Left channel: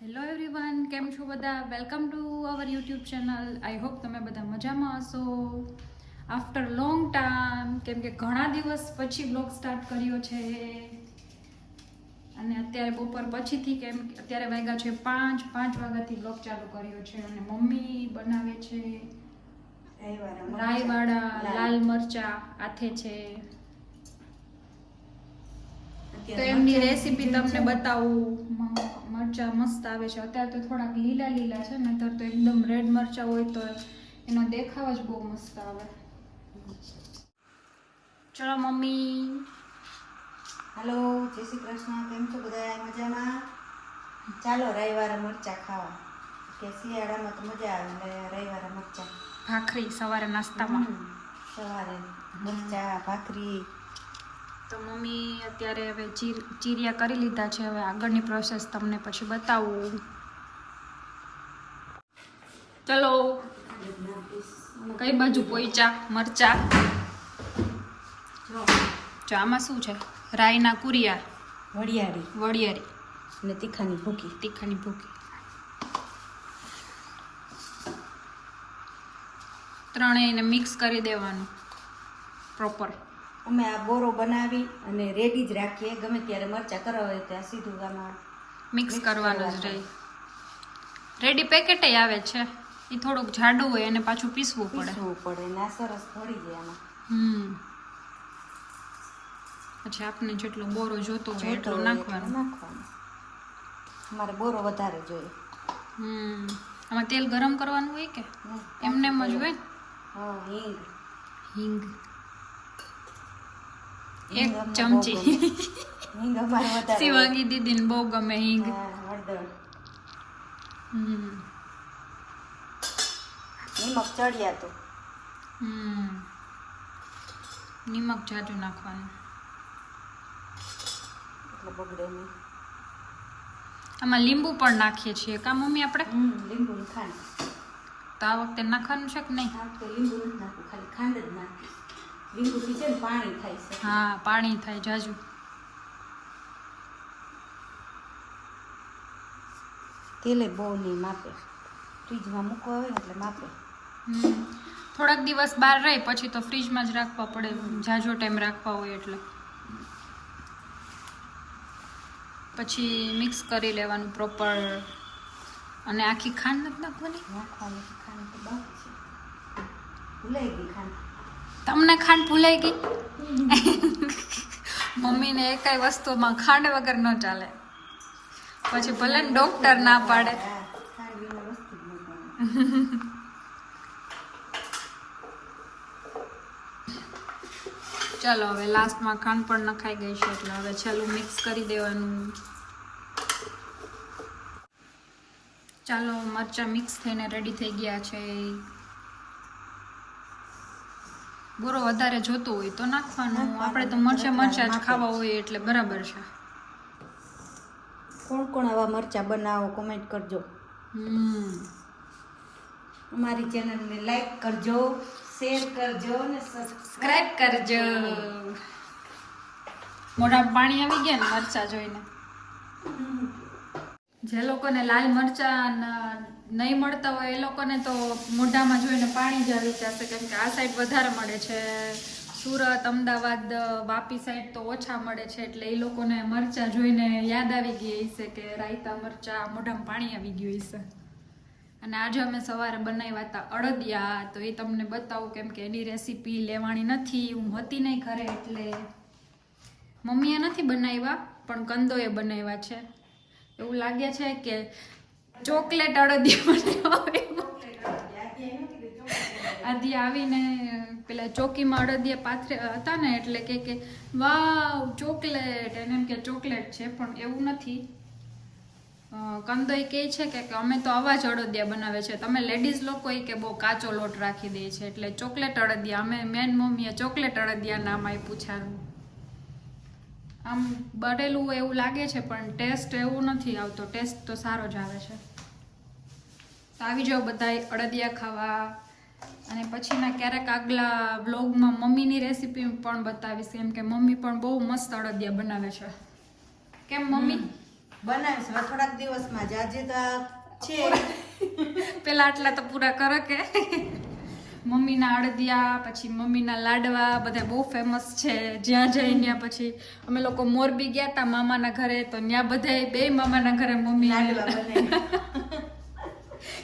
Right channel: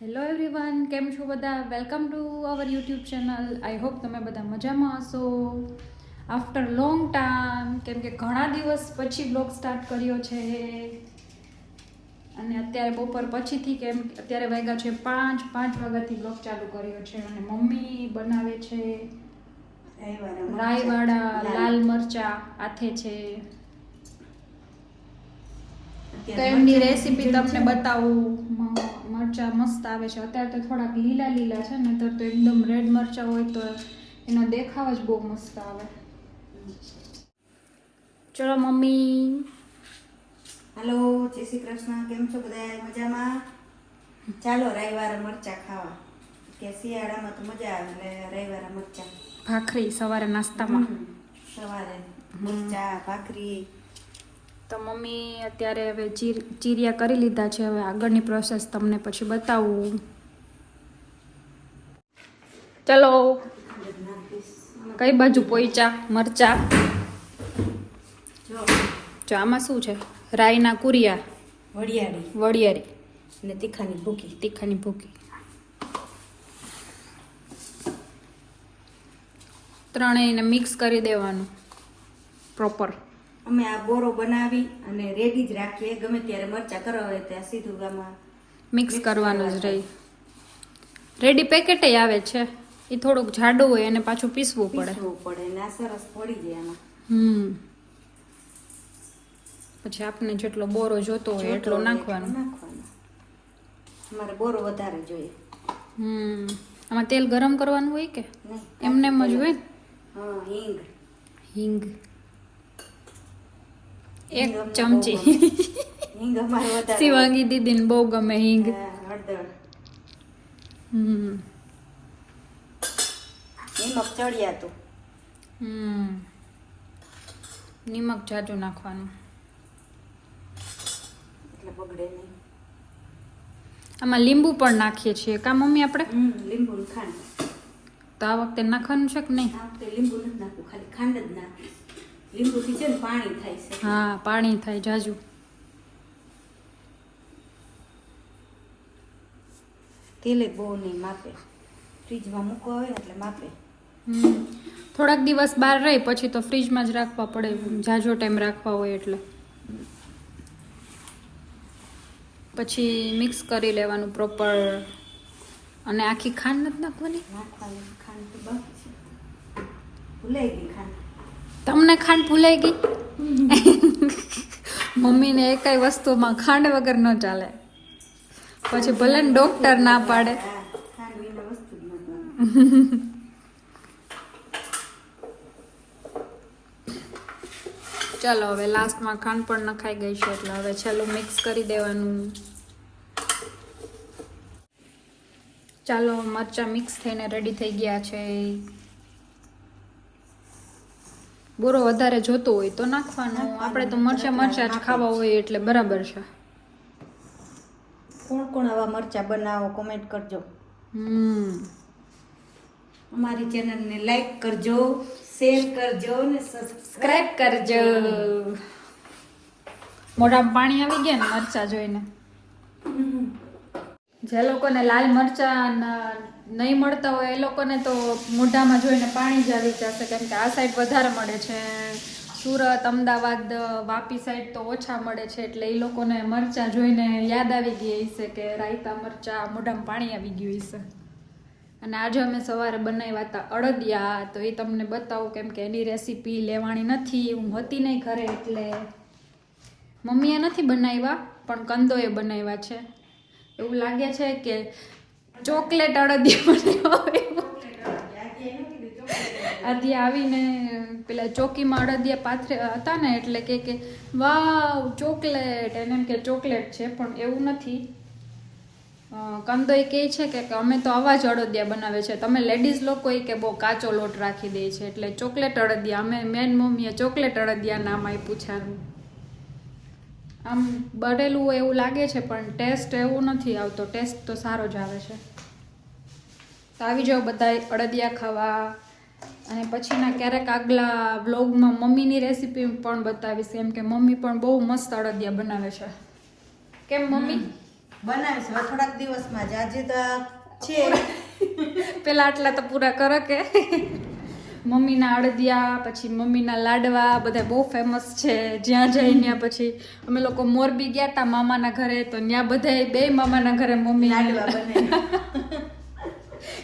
Hello everyone કેમ છો બધા? Welcome to our YouTube channel I hope તમે બધા મજામાં હશો. આફ્ટર લોંગ ટાઈમ કેમ કે ઘણા દિવસ પછી બ્લોગ સ્ટાર્ટ કર્યો છે. અને અત્યારે બપોર પછીથી કેમ અત્યારે વાગ્યા છે પાંચ પાંચ વાગ્યાથી બ્લોગ ચાલુ કર્યો છે. અને મમ્મી બનાવે છે. રાઈવાળા લાલ મરચા આથે છે. તો એમની રેસીપી તમને બતાવું. મરચા મસ્ત આવે છે. અત્યારે તો થોડાક લીલા લીલા છે ને તો તો એકદમ રેડ મરચા હોય તો એનો દેખાવ જ બહુ મસ્ત આવે. ચલો મમ્મી. હલો જય શ્રી કૃષ્ણ. કેમ છો બધા? મજામાં? ચાલો રવિવારે મરચા ખાવા. કે શિયાળામાં તો મજા આવે એટલે રવિવારે મરચા. ભાખરી સવારે નાસ્તામાં. સવારે મરચા ભાખરી. તો મમ્મી અત્યારે હવે ચીર ચીરિયા કરી લીધા છે. હવે આગળની પ્રોસેસ તમને પછી બતાવું. ચલો. કઈ બાજુ? પોઈચા મરચા. જો આમાં શું છે? રાઈના કુરિયા. વડિયારી. વડિયારી. અને તીખાની ભૂકી. તીખાની ભૂકી. ત્રણેયને મિક્સ કરી દેવાનું. પ્રોપર અમે આ બોરો બનાવી અને રેડી જ રાખીએ. ગમે ત્યારે મરચા કરવા હોય ત્યાં સીધું ગામાં મિક્સ કરવાનું જ રહી. રેડી પેકેટ આવે છે. એ થોડુંક જાડું હોય અને પાછું પીસવું પડે. પીસવું પડે ને સરસ પડી જાય એમાં હમ. પછી આપને જેટલો બોરો જોતો હોય એટલો નાખવાનો. નાખવાનો. મારે બોરો વધારે જોઈએ. હમ. આમાં તેલ ગરમ કરવાનું હોય કે? એમને એમ જ હોય? હા હિંગ. હિંગ. એક ચમચી. શિવાંગી દીદીને બહુ ગમે હિંગ. હમ. નિમક ચડ્યા તો. હમ. નિમક જાજુ નાખવાનું. આમાં લીંબુ પણ નાખીએ છીએ કા મમ્મી આપણે? લીંબુ ખાંડ. તો આ વખતે નાખવાનું છે કે નહીં? લીંબુ નથી નાખવું ખાલી ખાંડ જ નાખી લીંબુથી છે ને પાણી થાય છે. હા પાણી થાય જાજુ. તેલે બહુ નહીં માપે. ફ્રીજમાં મૂકવા આવે એટલે માપે. હમ. થોડાક દિવસ બહાર રહે પછી તો ફ્રીજમાં જ રાખવા પડે. જાજો ટાઈમ રાખવા હોય એટલે. પછી મિક્સ કરી લેવાનું પ્રોપર અને આખી ખાંડ નથી નાખવાની? નાખવાની ખાંડ તો બાકી છે. ભૂલાઈ ગઈ ખાંડ. તમને ખાંડ ભૂલાઈ ગઈ? મમ્મીને એકાઈ વસ્તુમાં ખાંડ વગર ન ચાલે. પછી ભલે ને ડોક્ટર ના પાડે. ચાલો, હવે લાસ્ટમાં ખાંડ પણ નખાઈ ગઈ છે, એટલે હવે છેલ્લું મિક્સ કરી દેવાનું. ચાલો, મરચા મિક્સ થઈને રેડી થઈ ગયા છે. બોરો વધારે જોતો હોય તો નાખવાનું. આપણે તો મરચા મરચા જ ખાવા હોય એટલે બરાબર છે. કોણ કોણ આવા મરચા બનાવો કોમેન્ટ કરજો. હમ. અમારી ચેનલને લાઈક કરજો શેર કરજો ને સબસ્ક્રાઇબ કરજો. મોઢા પાણી આવી ગયા ને મરચા જોઈને. જે લોકોને લાલ મરચા નહીં મળતા હોય એ લોકોને તો મોઢામાં જોઈને પાણી જ આવી જશે કેમ કે આ સાઈડ વધારે મળે છે. સુરત, અમદાવાદ, વાપી સાઈડ તો ઓછા મળે છે એટલે એ લોકોને મરચા જોઈને યાદ આવી ગઈ હશે કે રાયતા મરચા મોઢામાં પાણી આવી ગયું હશે. અને આજે અમે સવારે બનાવ્યા હતા અડદિયા. તો એ તમને બતાવું કેમ કે એની રેસીપી લેવાની નથી. હું હતી નહીં ઘરે એટલે મમ્મીએ નથી બનાવ્યા, પણ કંદોએ બનાવ્યા છે. એવું લાગે છે કે ચોકલેટ અડદિયા હોય આવીને પેલા ચોકીમાં અડદિયા પાથરે હતા ને એટલે કે કે, વાવ, ચોકલેટ. એને એમ કે, ચોકલેટ છે, પણ એવું નથી. કંદોય કહે છે કે અમે તો આવા જ અડદિયા બનાવે છે. તમે લેડીઝ લોકો એ કે બહુ કાચો લોટ રાખી દે છે. એટલે ચોકલેટ અડદિયા. અમે મેન મમ્મીએ ચોકલેટ અડદિયા નામ આપ્યું છે આનું આમ હોય એવું લાગે છે, પણ ટેસ્ટ એવું નથી આવતો. ટેસ્ટ તો સારો જ આવે છે. તો આવી જાઓ બધા અડદિયા ખાવા. અને પછીના ક્યારેક આગલા વ્લોગમાં મમ્મીની રેસીપી પણ બતાવીશ. કેમ કે મમ્મી પણ બહુ મસ્ત અડદિયા બનાવે છે. કેમ મમ્મી? બનાવીશ થોડાક દિવસમાં જ. આજે તો છે. પેલા આટલા તો પૂરા કરે કે. મમ્મીના અડદિયા પછી મમ્મીના લાડવા બધા બહુ ફેમસ છે. જ્યાં જઈ ત્યાં પછી અમે લોકો મોરબી ગયા હતા મામાના ઘરે. તો ત્યાં બધા બે મામાના ઘરે મમ્મી લાડવા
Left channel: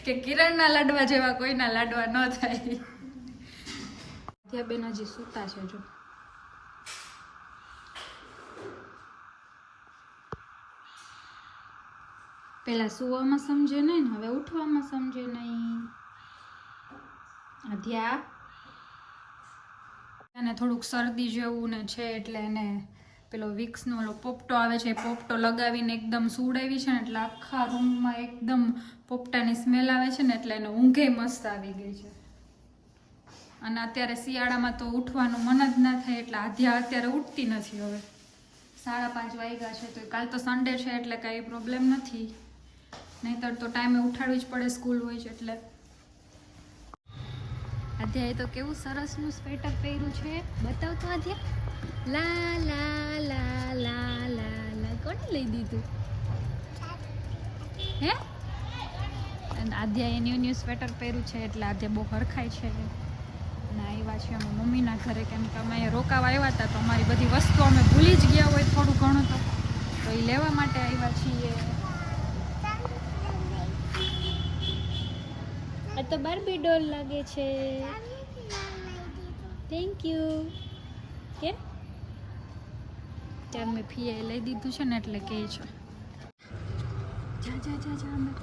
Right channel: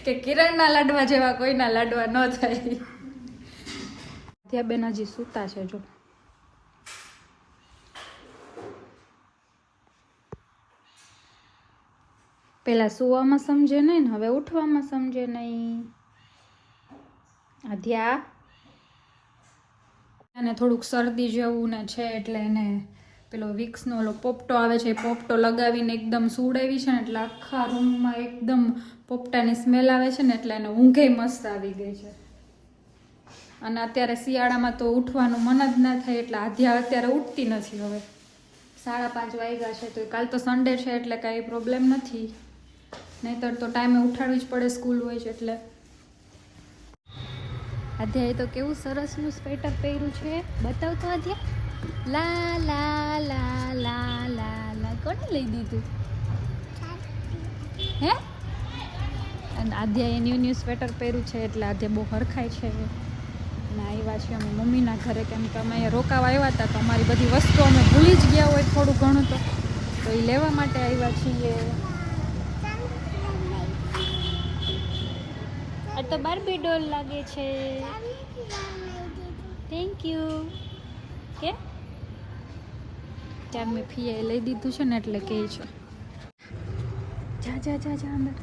કે કિરણના લાડવા જેવા કોઈના લાડવા ન થાય. ત્યાં બેન હજી સૂતા છે, જો. પેલા સુવામાં સમજે નહીં ને, હવે ઉઠવામાં સમજે નહીં. અધ્યા અને થોડુંક શરદી જેવું ને છે એટલે એને પેલો વિક્સનો ઓલો પોપટો આવે છે, એ પોપટો લગાવીને એકદમ સુડાવી છે ને એટલે આખા રૂમમાં એકદમ પોપટાની સ્મેલ આવે છે ને એટલે એને ઊંઘે મસ્ત આવી ગઈ છે. અને અત્યારે શિયાળામાં તો ઉઠવાનું મન જ ના થાય એટલે આધ્યા અત્યારે ઉઠતી નથી હવે. સાડા પાંચ વાગ્યા છે તો કાલ તો સન્ડે છે એટલે કાંઈ પ્રોબ્લેમ નથી. નહીંતર તો ટાઈમે ઉઠાડવી જ પડે સ્કૂલ હોય છે એટલે. આધ્યાએ તો કેવું સરસનું સ્વેટર પહેર્યું છે. બતાવ તો આધ્યા લા લા લા લા લા લા. કોને લઈ દીધું? હે? અને આધ્યાએ ન્યૂ ન્યૂ સ્વેટર પહેર્યું છે, એટલે આધ્યા બહુ હરખાય છે. અને આવ્યા છીએ અમે મમ્મીના ઘરે, કેમ કે અમે રોકાવા આવ્યા હતા, તો અમારી બધી વસ્તુ અમે ભૂલી જ ગયા હોય થોડું ઘણું તો. તો એ લેવા માટે આવ્યા છીએ. તો બાર્બી ડોલ લાગે છે. થેન્ક યુ કે ત્યાં મેં ફીએ લઈ દીધું છે ને એટલે કહે છે. જા જા જા જા અંદર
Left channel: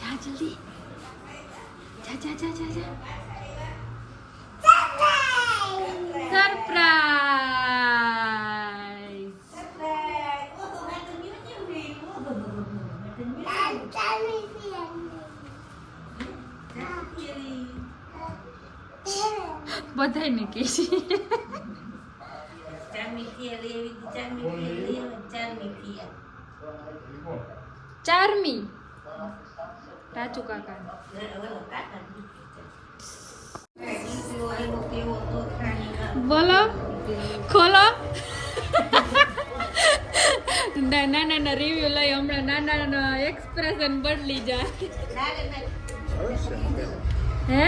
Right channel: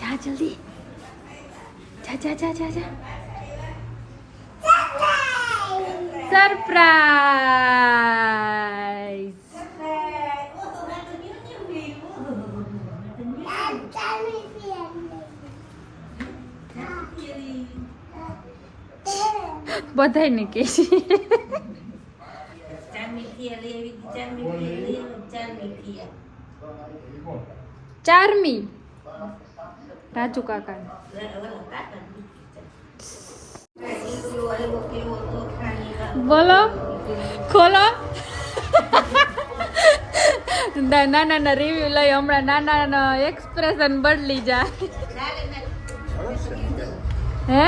જા જલ્દી. જા જા જા જા જા. સરપ્રાઈઝ બધાય ને કે છે. ચારમી રાજુ કાકા બોલો. ખોલો. નાના નાના ના રિવ્યુ લઈ હમણાં નાના નાના એક્સપ્રેશન બદલી જાય. હે?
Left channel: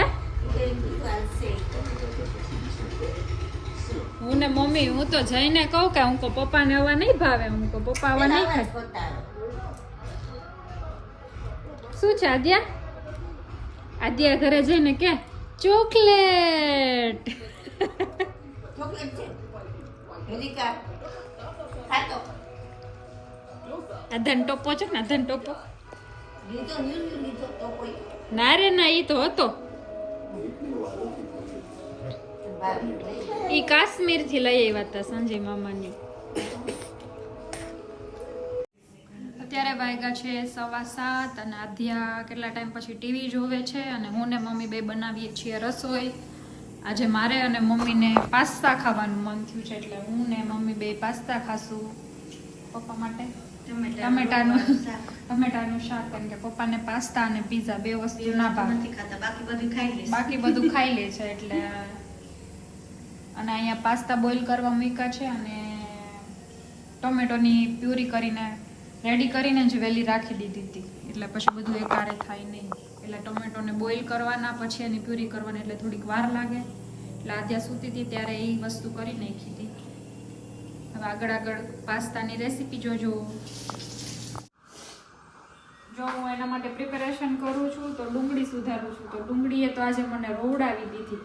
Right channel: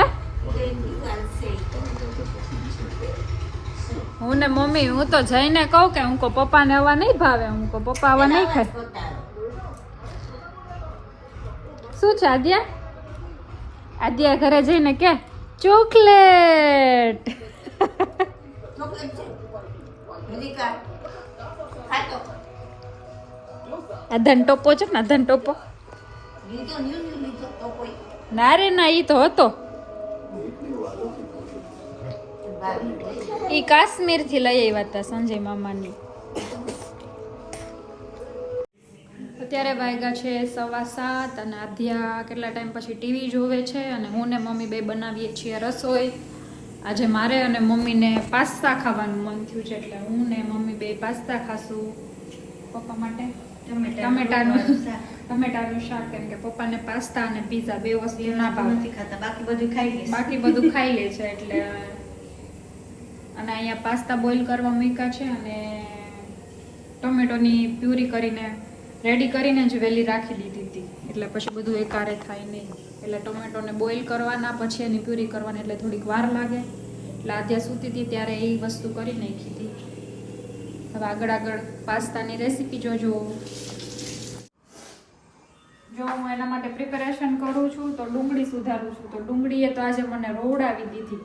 હું ને મમ્મી હું તો જઈને કહું કે હું કો પપ્પાને આવવા નહીં ભાવે હું કો પપ્પા હવા નહીં ખાય. શું છે આદ્યા? આદ્યા ઘરે જઈને કે ચોકલેટ. આ ધન ટોપો છે ને ધન ટોપો. ના રે ના એ તો હતો. ઈ કાશ્મીરથી લઈ આવ્યા હતા સંજય મામાની. અત્યારે વાગ્યા છે સવા સાત અને આધ્યા કેટલા ટાઈમ પછી ટીવી જોવે છે અને હું ને મમ્મી બે બનાવીએ છીએ રસોઈ. આજે મારે અને મમ્મીને પાસ્તા ખાવાનું મન થયું છે એટલે હું ને મમ્મી બે પાસ્તા ખાશું. પપ્પા માટે? ટમેટાનું ટમેટાનું શાક. કેમ કે પપ્પાને પાસ્તા અને પીઝા બે વસ્તુ ના ભાવે. નથી ખાતા બાકી બધું ખાઈ બાકી બધું ખાઈ લે છે એટલે અને અહીંયા પાસ્તા બોઇલ કરવા મૂક્યા છે અને ટોમેટોની પ્યુરી કરીને, રેડી કરીને જ વહેલી રાખી દીધી હતી. એટલે પછી બધું એકારે થાય નહીં. એટલે ટોમેટોને બોઇલ કરવાના, પછી એની પ્યુરી કરવાની, એટલે થોડીક વાર લાગે. એટલે આદ્યા સૂતી હતી, ત્યારે એ વસ્તુ કરી નાખી હતી. હવે આગળ આગળ પાસ્તાની રેસીપી જોજો. જો હું એના માટે પ્રિપેરેશન કરું છું, તો ડુંગળી સુધારું છું. તો ડુંગળીએ તો આજે મને રોવડાવી દીધી.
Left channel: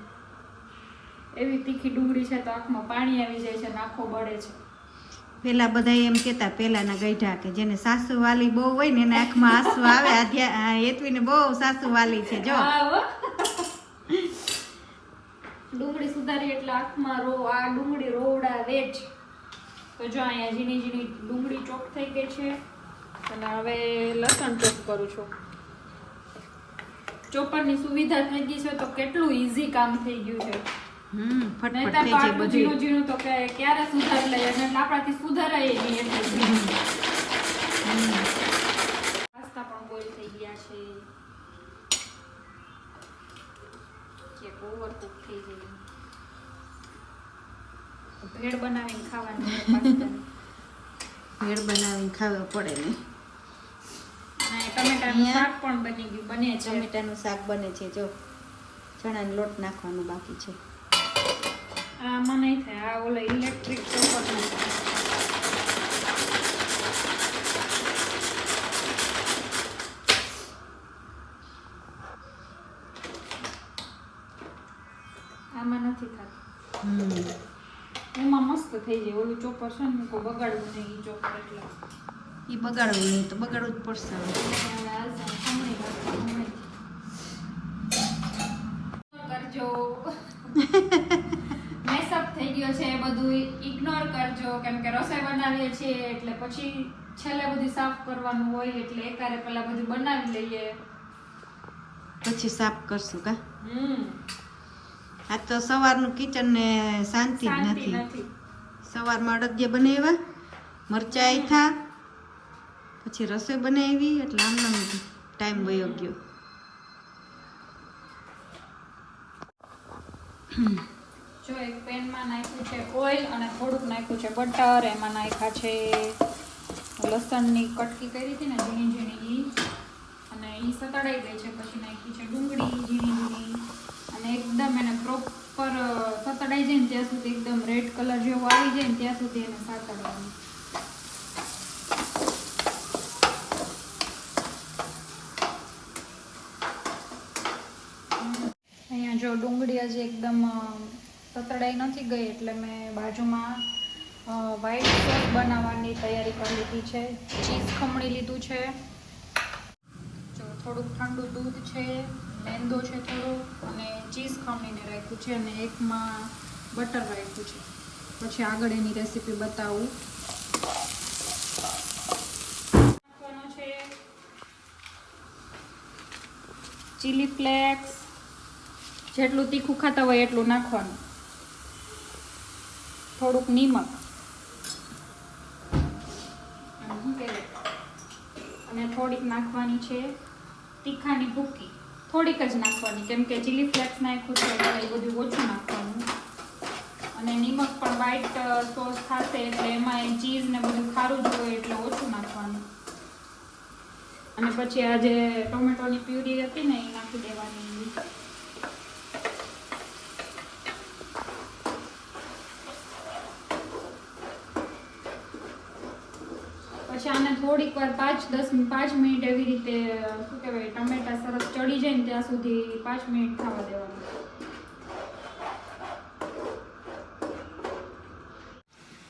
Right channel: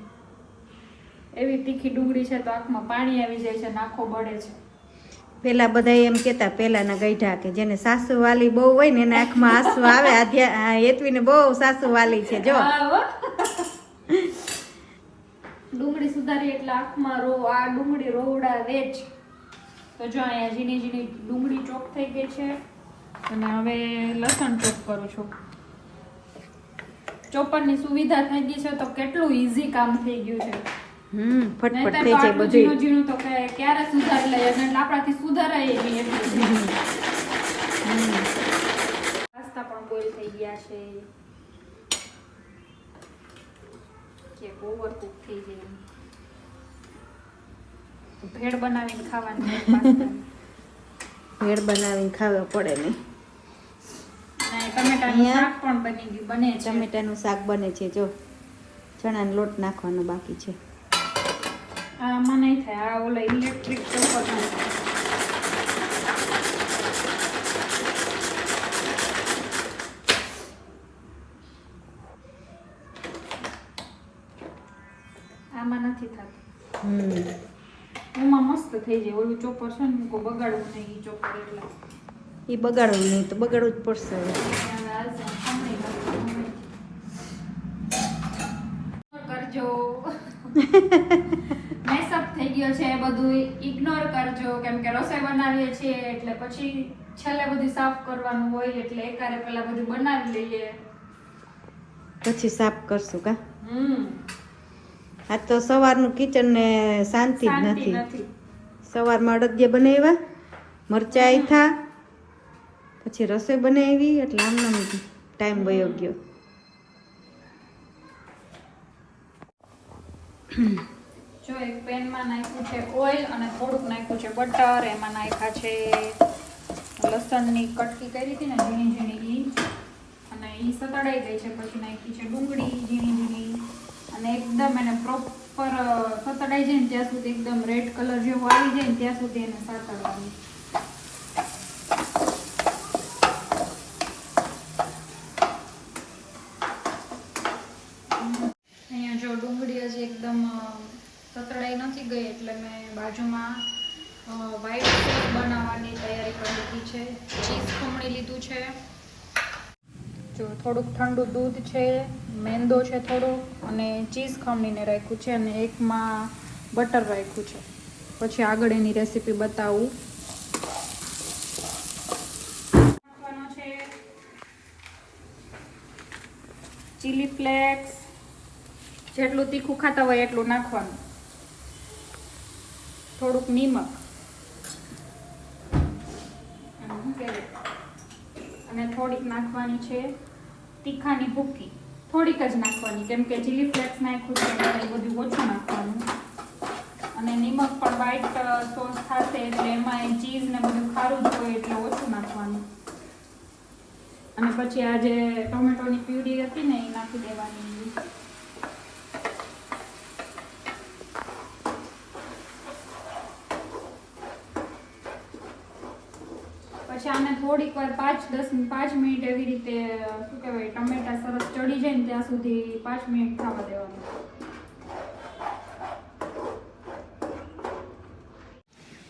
એવી તીખી ડુંગળી છે તો આંખમાં પાણી આવી જાય છે નાખો બળે છે. પેલા બધા એમ કેતા પેલાના ગઈઢા કે જેને સાસુ વાલી બહુ હોય ને એના આંખમાં આંસુ આવે આધ્યા હેતવીને બહુ સાસુ વાલી છે જો. ડુંગળી સુધારી એટલે આંખમાં રો આ ડુંગળી રોવડા વેચ તો જો અહીંયા ઝીણી ઝીણી ડુંગળી ચોક થઈ ગઈ છે. અને હવે લસણ ચોક કરું છું. ચોપરની સુવિધા થઈ ગઈ છે તો કેટલું ઈઝી કામ થઈ ગયું છે. હમ ફટફટ થઈ જાય બધું ઝીણું ઝીણું તો કે ક્યારે સુધારી લઈએ? એટલે આપણાથી સુધારાય નહીં પાસ્તા પણ બોઇલ થઈ ગયા છે. કે ઓવર કુક થઈ જાય ભેળ બનાવીને ખાવાની ભેળ બનાવીને ખાવા પડે ને. અને ટમેટાનું શાક પણ બની ગયું બને છે. ટમેટાનું શાક બને છે જો. ચણાનો લોટ નાખવાનો બાકી છે. આમાં નહીં થાય. આ ઓલા ઇલેક્ટ્રિક ચોપર આમાં નથી થતું. હમ. એમાં મસ્ત થઈ જાય. ઓલું ચોપર છે ને કોઈ બગાડવું નહીં એ ચોપર એટલે. એ બગાડવું નહીં તો બગાડવું જ પડશે કરજો. મેસઅપ થઈ ગયો છે બધું ઇગ્નોર કરજો. કેમ કે રસોઈ બનાવીએ છીએ એટલે પછી છેલ્લે બધું સાફ કરવાનું હોય એટલે એકારે પેલા બધું બનાવી લઈએ. પછી સાફ કરશું કા? હમ. આ તો સવારનું કિચન ને શાંતિ જ નથી. નથી. સવારમાં અડદિયા બનાવ્યા મરચાં થા પછી રસોઈ બનાવી એટલે આમનો ટાઈમ વયો ગયો. જો એક પેનમાં નાખ્યું છે ઓઇલ અને થોડુંક નાખ્યું છે બટર, એમાં નાખ્યા છે લસણની કટકી કરી હતી ને ઝીણી ઝીણી ઘી અને એ સતડાઈ ગઈ છે, પછી નાખી છે ડુંગળી, ઝીણી ઝીણી. અને એકદમ એને પ્રોપર સતડાઈ જાય ને ત્યાં સુધી એકદમ રેડ કલર જેવો આવી જાય ને ત્યાં સુધી એને સાતડવાનું અહીંયા જો ડુંગળી હજી એકદમ અ, સતડાઈ નથી ગઈ એટલે મેં બાજુમાં વ્હાઈટ સોસ બનાવવાની તૈયારી કરી લીધી છે. ચીઝ ખમણી લીધું છે. જો થોડુંક ઠંડુ દૂધ છે, મેંદો છે થોડુંક, અને ચીઝ ખમણીને રાખ્યું છે અને એકમાં બટર રાખ્યું છે. પછી આગળ એની રેસીપી બતાવું. નાખવાનો છે. ચીલી ફ્લેક્સ જેટલું તીખું ખાતા હોય એટલું નાખવાનું. થોડુંક નિમક. અને થોડીક નાખવાની છે તીખાની ભૂકી. થોડીક જ નાખવાની, કેમ કે ચીલી ફ્લેક્સ નાખ્યું છે એ બધું ઓછું નાખવાનું. અને નિમક પણ વ્હાઈટ સોસ થશે એટલે એમાં ચીઝ ને બધું ખારું જ હોય એટલે ઓછું નાખવાનું. અને પછી આ જે ટોમેટોની પ્યુરી હતી ને, એ નાખી દેવાની. પછી આને થોડીક વાર પાંચ દસ પાંચ મિનિટ એવી રીતે, શું કહેવાય, ટમેટા સરસ ચડી જાય ને ત્યાં સુધી પાંચ મિનિટ થવા દેવાનું.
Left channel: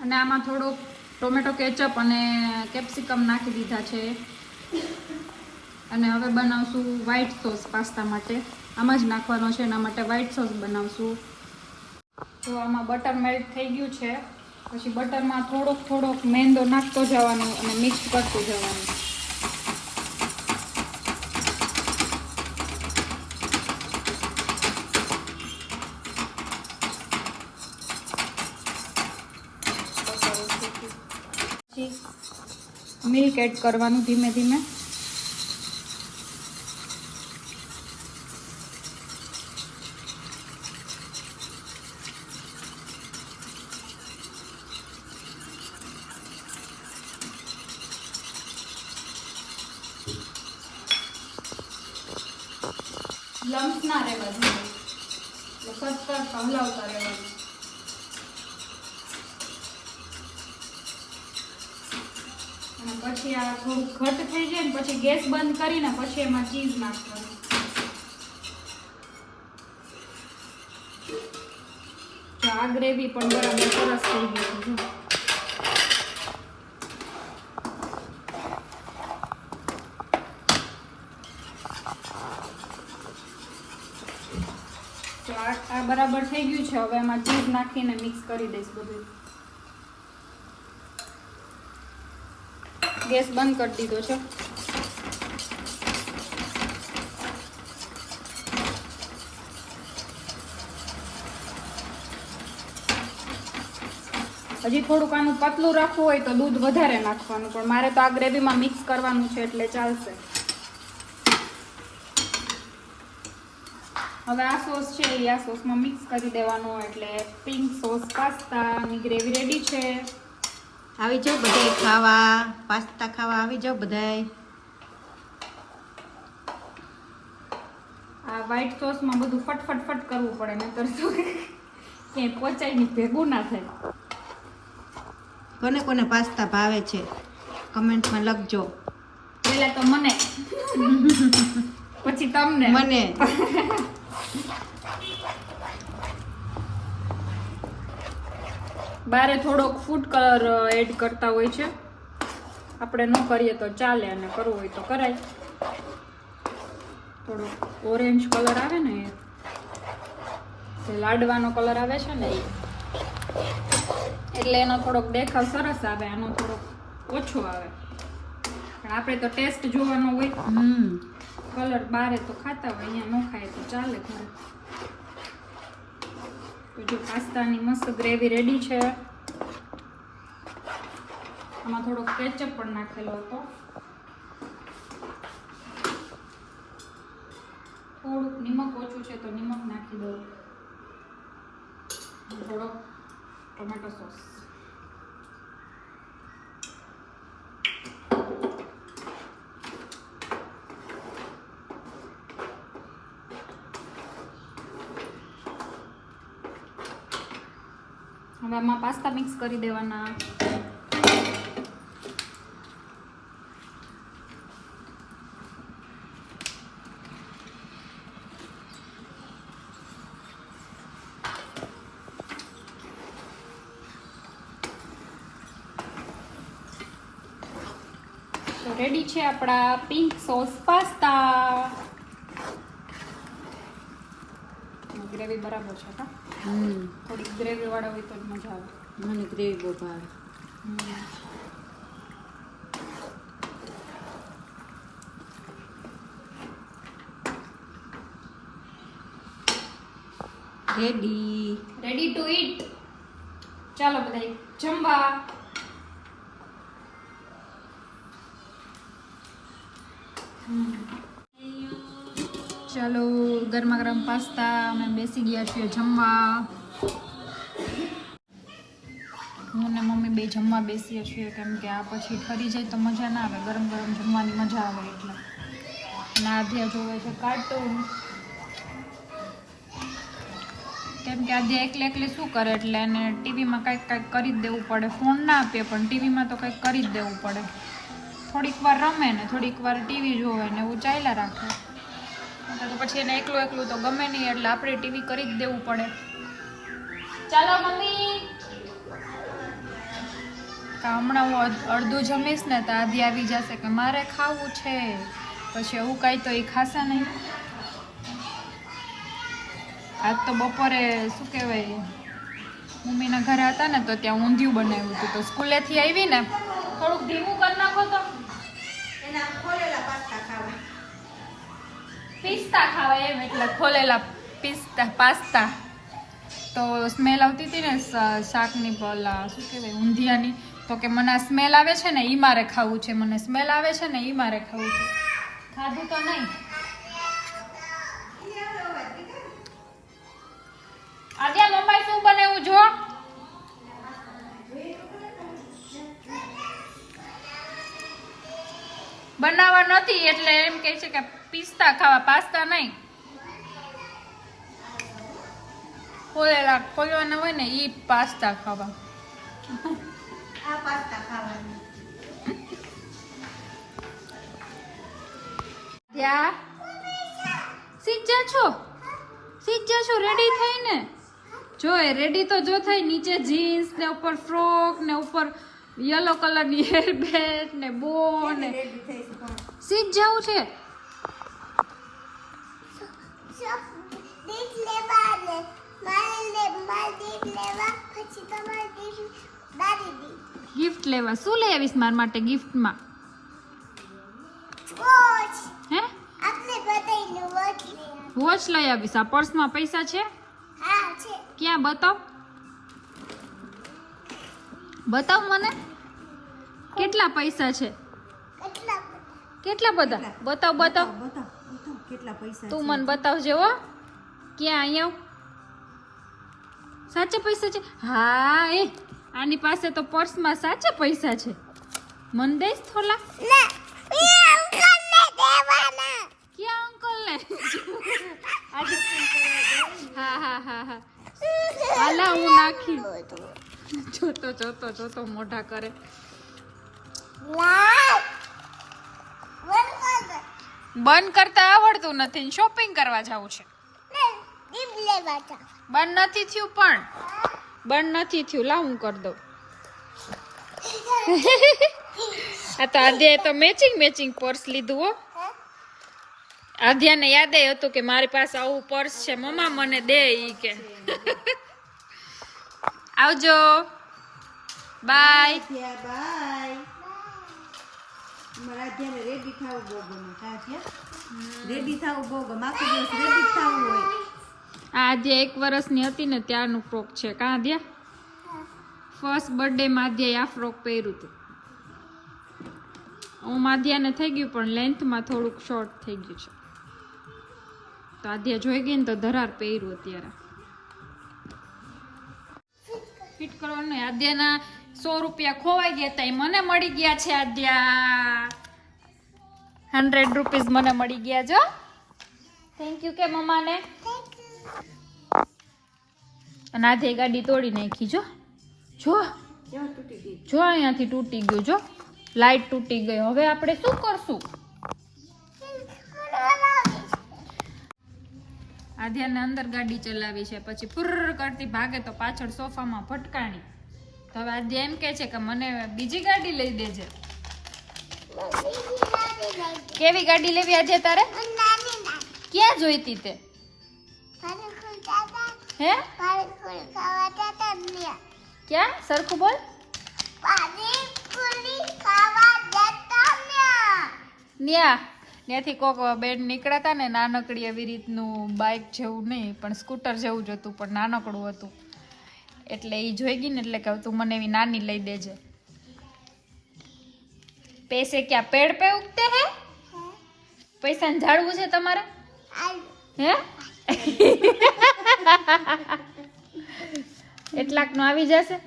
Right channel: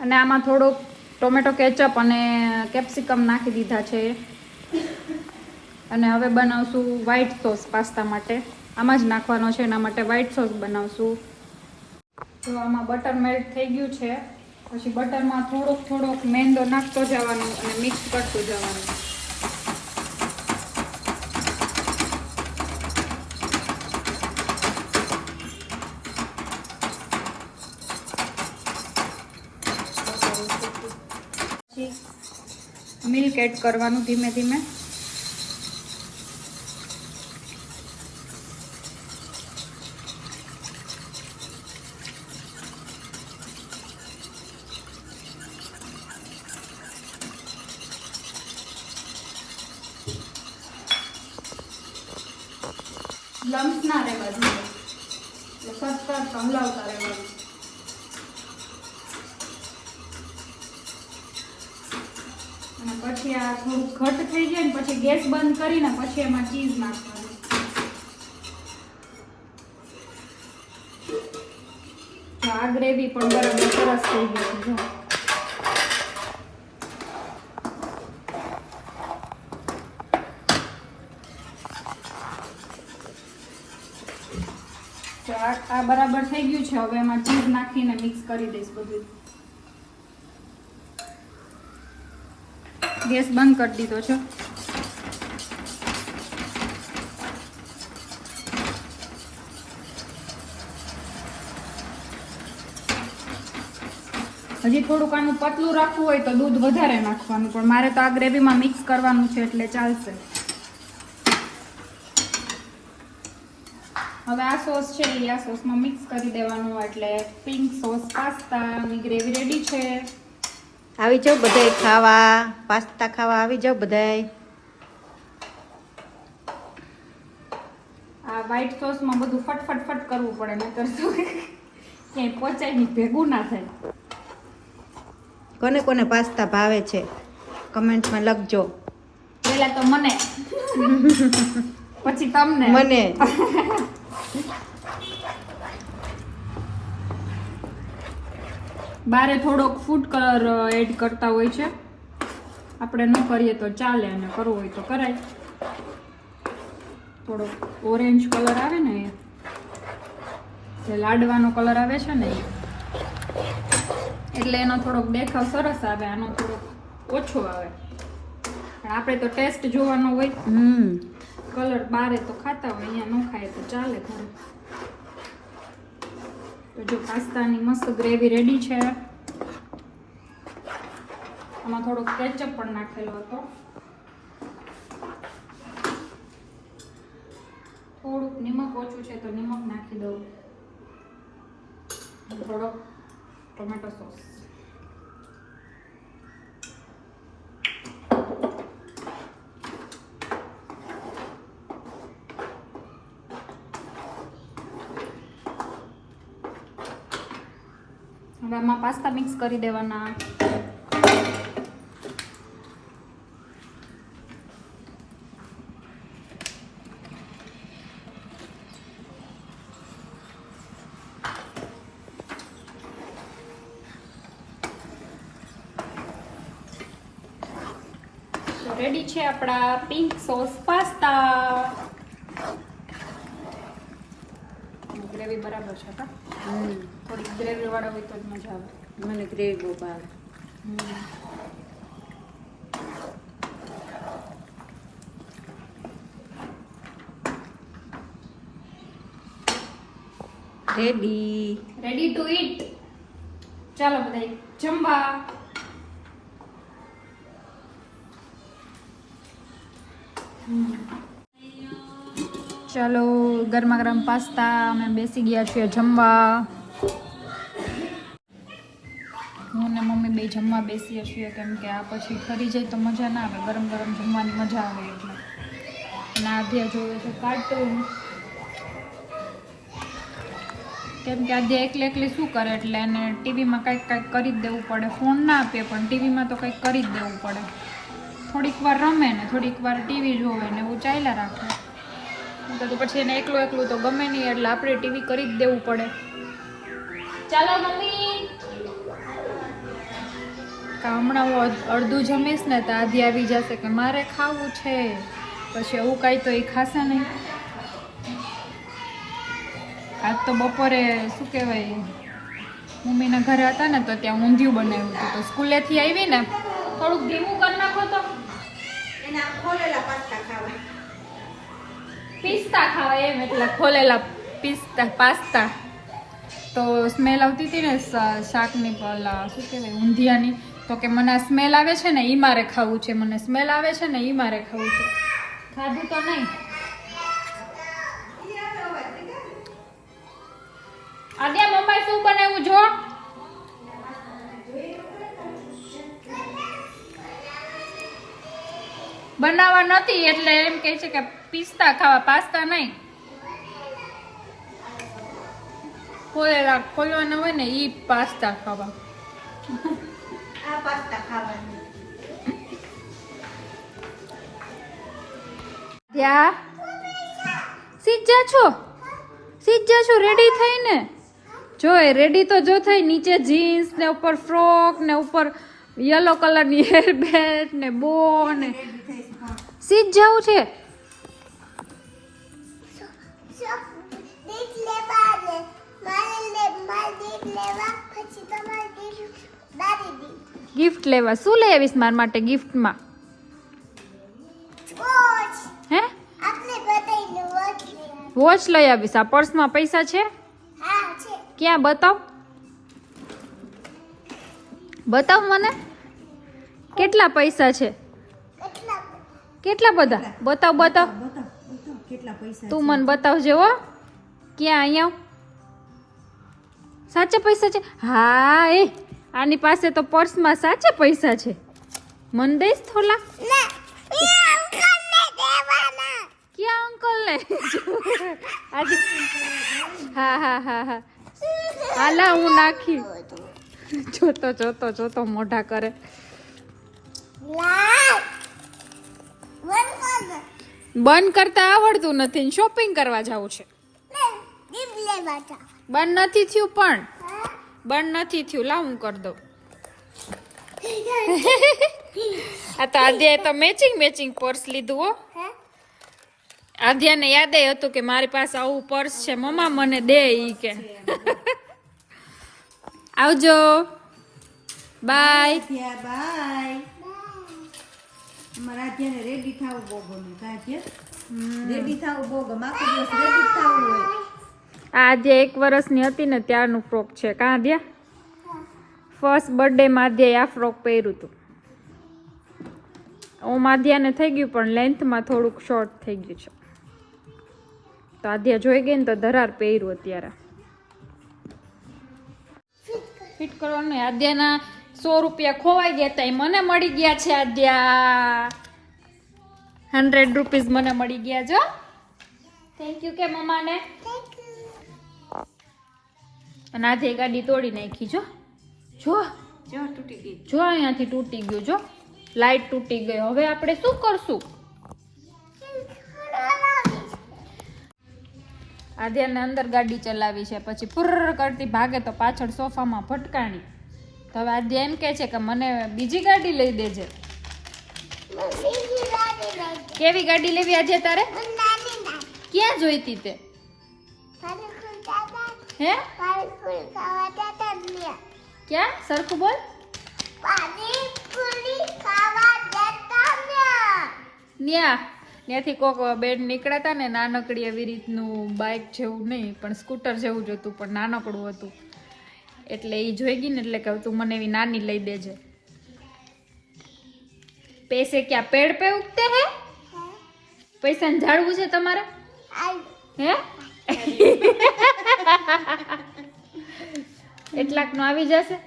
અને આમાં થોડોક ટોમેટો કેચઅપ અને કેપ્સિકમ નાખી દીધા છે. અને હવે બનાવશું વ્હાઈટ સોસ પાસ્તા માટે. આમાં જ નાખવાનો છે, એના માટે વ્હાઈટ સોસ બનાવશું. તો આમાં બટર મેલ્ટ થઈ ગયું છે. પછી બટરમાં થોડોક થોડોક મેંદો નાખતો જવાનો અને મિક્સ કરતું જવાનું. મિલ્ક એડ કરવાનું ધીમે ધીમે લમ્સ ના રહેવા જોઈએ એટલે સતત હલાવતા રહેવાનું અને પછી આ થોડું ઘટ થઈ જાય ને પછી ગેસ બંધ કરીને પછી એમાં ચીઝ નાખવાનું આ ગ્રેવી પણ બરાબર સરસ થઈ ગઈ છે આ બરાબર થઈ ગયું છે, હવે એમાં ચીઝ નાખીને મિક્સ કરી દઈશ બધું. ગેસ બંધ કરી દીધો છે. થોડુંક આનું પતલું રાખવું હોય તો દૂધ વધારે નાખવાનું પણ મારે તો આ ગ્રેવીમાં મિક્સ કરવાનું છે એટલે ચાલશે. હવે આ સોસ છે એ આ સોસમાં મિક્સ કરી દેવાનું એટલે પિંક સોસ પાસ્તાની ગ્રેવી રેડી છે. આવી જાઓ બધાય ખાવા પાસ્તા ખાવા આવી જાઓ બધાય. આ વ્હાઈટ સોસમાં બધું ફટફટ ફટ કરવું પડે નહીતર શું ક્યાંય પોચાઈ નહીં ભેગું ના થાય. કોને કોને પાસ્તા ભાવે છે? કમેન્ટમાં લખજો. પહેલા તો મને. પછી તમને. મને. બારે થોડોક ફૂડ કલર એડ કરતા હોય છે. આપણે ન કરીએ તો ચાલે અને કરવું હોય તો કરાય. થોડોક ઓરેન્જ કલર આવે ને એ. જે લાડવાનો કલર આવે છે ને એ. એટલે એનો થોડોક દેખાવ સરસ આવે આનો થોડોક ઓછો આવે. પણ આપણે તો ટેસ્ટ જોવાનો હોય. હમ. કલર બારે તો ખાતા હોય અહીંયા ન ખાય તો ચાલે ઘરે. તો જો પાસ્તાની મસ્ત ગ્રેવી રેડી છે. આમાં થોડોક કેચઅપ પણ નાખેલો હતો. થોડુંક નિમક ઓછું છે તો નિમક નાખી દઉં. થોડોક ટોમેટો સોસ હવે આમાં પાસ્તા મિક્સ કરી દેવાના. રેડી છે આપણા પિંક સોસ પાસ્તા. ગ્રેવી બરાબર છે કા થોડીક ગ્રેવી વાળા હોય તો જ મજા આવે. મને ગ્રેવી બહુ ભાવે. રેડી. રેડી ટુ ઈટ ચાલો બધા જમવા. ચાલો ગરમા ગરમ પાસ્તા, અમે બેસી ગયા છીએ જમવા. હું ને મમ્મી બે જમવા બેસીએ છીએ, કેમ કે આ પછી ફરી જાય તો મજા ના આવે. ગરમ ગરમ જમવાની મજા આવે એટલે. અને અધ્યા જોવે છે કાર્ટૂન. કેમ કે આજે એકલે એકલી શું કરે એટલે એને ટીવીમાં કંઈક કંઈક કરી જ દેવું પડે. ફોન ના આપીએ પણ ટીવીમાં તો કંઈક કરી જ દેવું પડે. થોડીક વાર રમે ને, થોડીક વાર ટીવી જોવે ને, એવું ચાલ્યા રાખે. તો પછી એને એકલું એકલું તો ગમે નહીં, એટલે આપણે ટીવી કરી જ દેવું પડે. ચાલો મમ્મી. હમણાં હું અડધું જમીશ ને તો આધી આવી જશે કે મારે ખાવું છે. પછી એવું કાંઈ તો એ ખાશે નહીં. આજ તો બપોરે શું કહેવાય, મમ્મીના ઘરે હતા ને તો ત્યાં ઊંધિયું બનાવ્યું હતું. તો સ્કૂલેથી આવી ને, થોડુંક ધીમું કરી નાખો તો. એના ખોલેલા પાસ્તા ખાવા. પિસ્તા ખાવા એમ, એટલે ખોલેલા પિસ્તા, પાસ્તા. તો સ્મેલ આવતી હતી ને શાકની પેલા શું કહેવાય, ઊંધિયાની. તો કે મને આ સ્મેલ આવે છે ને એ મારે ખાવું છે. મને સ્મેલ આવે છે ને એ મારે ખાવું છે. ખાધું તો નહીં. આદ્યા, મમ્માએ શું બનાવ્યું જો? બનાવવા નથી એટલે એમ કહે છે કે પિસ્તા ખાવા પાસ્તા નહીં ખોલેલા ખોલવાના હોય ને એ પાસ્તા ખાવા આ પાસ્તા ખાવાની ત્યાં સીજા છો. સીજા છો રેડી થઈને? જો એ રેડી તો જો થઈ નીચે જીન્સ ને ઉપર ફ્રોક ને ઉપર યલો કલરની ની બેન્ડ ને બો ને સીજ જવું છે. ગિફ્ટ લેવા શું લઈ આવીશ મારા માટે ગિફ્ટમાં વોચ હે? વોચ લઈ આવીશ. આ પર્સમાં પૈસા છે? ક્યાં? બતાવ. બતાવ મને. કેટલા પૈસા છે? કેટલા કેટલા બધા? બતાવ બતાવ. બતાવ બતાવ. કેટલા પૈસા તું મને બતાવજે હો. ક્યાં અહીંયા. સાચા પૈસા છે? હા એ. આની પાસે તો પર્સમાં સાચા પૈસા છે. મન દઈશ થોલા? ક્યાં અંકલ ને હા હા હા હા. હાલા હું નાખી. જોતો જોતો જોતો મોઢા કરે. બંધ કરતા આવડતું નથી શોપિંગ કરવા જવું છે. બંધ નથી થયું પણ. બંધ નથી થયું. લાવ હું કરી દઉં. આ તો આજે તો મેચિંગ મેચિંગ પર્સ લીધું હો. આધ્યાને યાદ હતું કે મારી પાસે આવું પર્સ છે. મમ્મા મને દે ઈ કે. આવજો. બાય બાય અમારા આધ્યાને રેડી થવું બહુ ગમે. રેડી થવું બહુ ગમે. આખો દિવસ રેડી થવું હોય. આ જે એક વર્ષની હતી ને ત્યારનું ફ્રોક છે. કાં દે ફર્સ્ટ બર્થડે માધ્યાએ આ ફ્રોક પહેર્યું હતું. હું માધ્યાને થઈ ગયું, પણ લેન્થમાં થોડુંક શોર્ટ થઈ ગયું છે. તો આધ્યા જોઈ ગઈ ને તો ધરાર પહેર્યું અત્યારે. ફિટ કરવાનું. આદ્યાના સો રૂપિયા ખોવાઈ ગયા હતા મને મળી ગયા છે આદ્યા. હંડ્રેડ રૂપીઝ મને મળી ગયા જો થેન્ક યુ કે મમ્માને. અને આધે ગાડી તોડી નાખી, જો. જો. જો અહીંયાથી તૂટી ગયું, જો. લાઈટ તૂટી ગઈ. હવે આપણે શું કરશું? આધ્યાને અંદર ગાડી ચલાવી છે. પછી પુર્ર કરતી ભાગે તો પાછળ સોફામાં ભટકાણી તો હવે આધ્યા એમ કહે છે કે મને બીજી ગાડી લઈ દેજે. કેવી ગાડી લેવી આજે તારે? ક્યાં જોઈતી તે? હે? ક્યાં? સરખું બોલ. ન્યા. ત્યાંથી કોક બેડ નીકળ્યા હતા ને નાનકડી એવી રીતનું બાઇક જેવું નહીં પણ સ્કૂટર જેવું જ હતું પણ નાનકડું હતું. એટલે એ જોઈ ગઈ ને એટલે કહું તું મને એવી નાની લઈ દેજે. પૈસે ક્યાં પેડ પે ઉગતે હે? પૈસાને ઝાડવું છે તમારે? હે? એટલાકનું આવી જશે?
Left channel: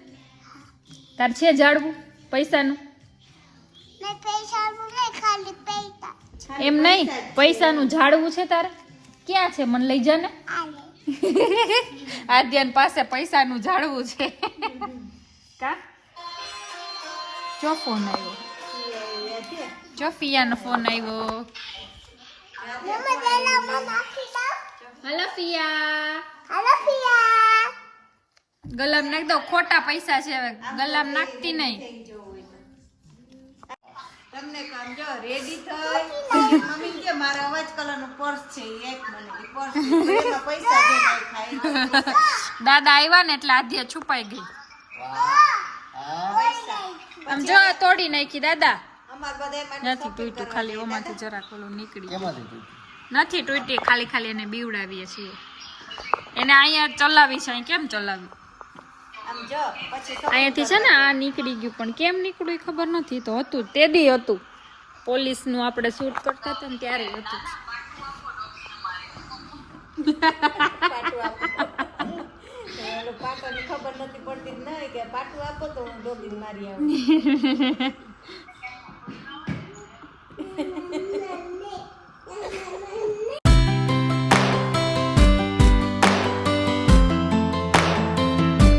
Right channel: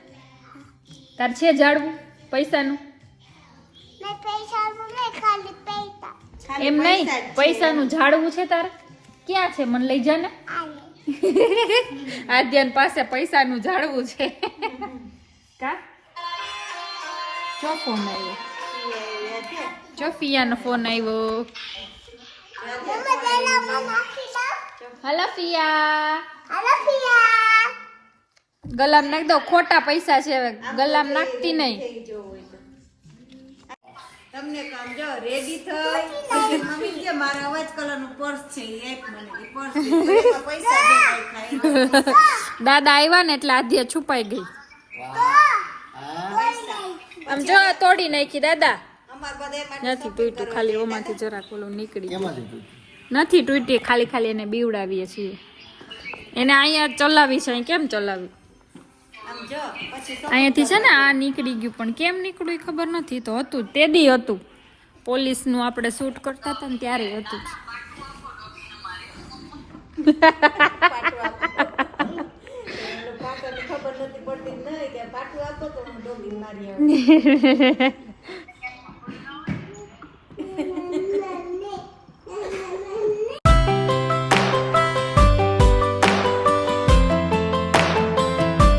તાર છે ઝાડવું પૈસાનું? એમ નહીં? પૈસાનું ઝાડવું છે તારે? ક્યાં છે? મને લઈ જા ને આદ્યાન પાસે પૈસાનું ઝાડવું છે. કા? જો ફોન આવ્યો? જો ફિયાનો ફોન આવ્યો મમ્મા તેલા મને ખીલા હલો ફિયા હાલો પિયા ગલામ નાખ દો. ખોટા પૈસા છે હવે. ગલામ નાખતી નહીં. તમને કામ જાઓ રેડી થઈ મમ્મી કે મારા અવાજ કલરનો પર્સ છે એક મને પર્સ પૈસા દાદા આવ્યા ને એટલે આધી છુપાઈ ગઈ. આમ જો તોડી નાખી દાદા. નથી તૂટ્યું ખાલી ઓમાંથી જરાક ઓલું નીકળી ગયું. નથી તૂટી, ખાલી ખાલી એને બીવડાવીએ છીએ. એને અહીંયા ચલાવી છે કેમ ચલાવી? અહીંયાથી છે ને આ નીકળી ગયું, પણ કેમ નીકળ્યું ખબર નથી. તો હતું તે દી હતું. પોલીસનું આપણે શૂટ કરતા હતા ને ત્યારે હતું ખબર નથી પડતી નહીં કે પાટું આપો હું ડોબી મારી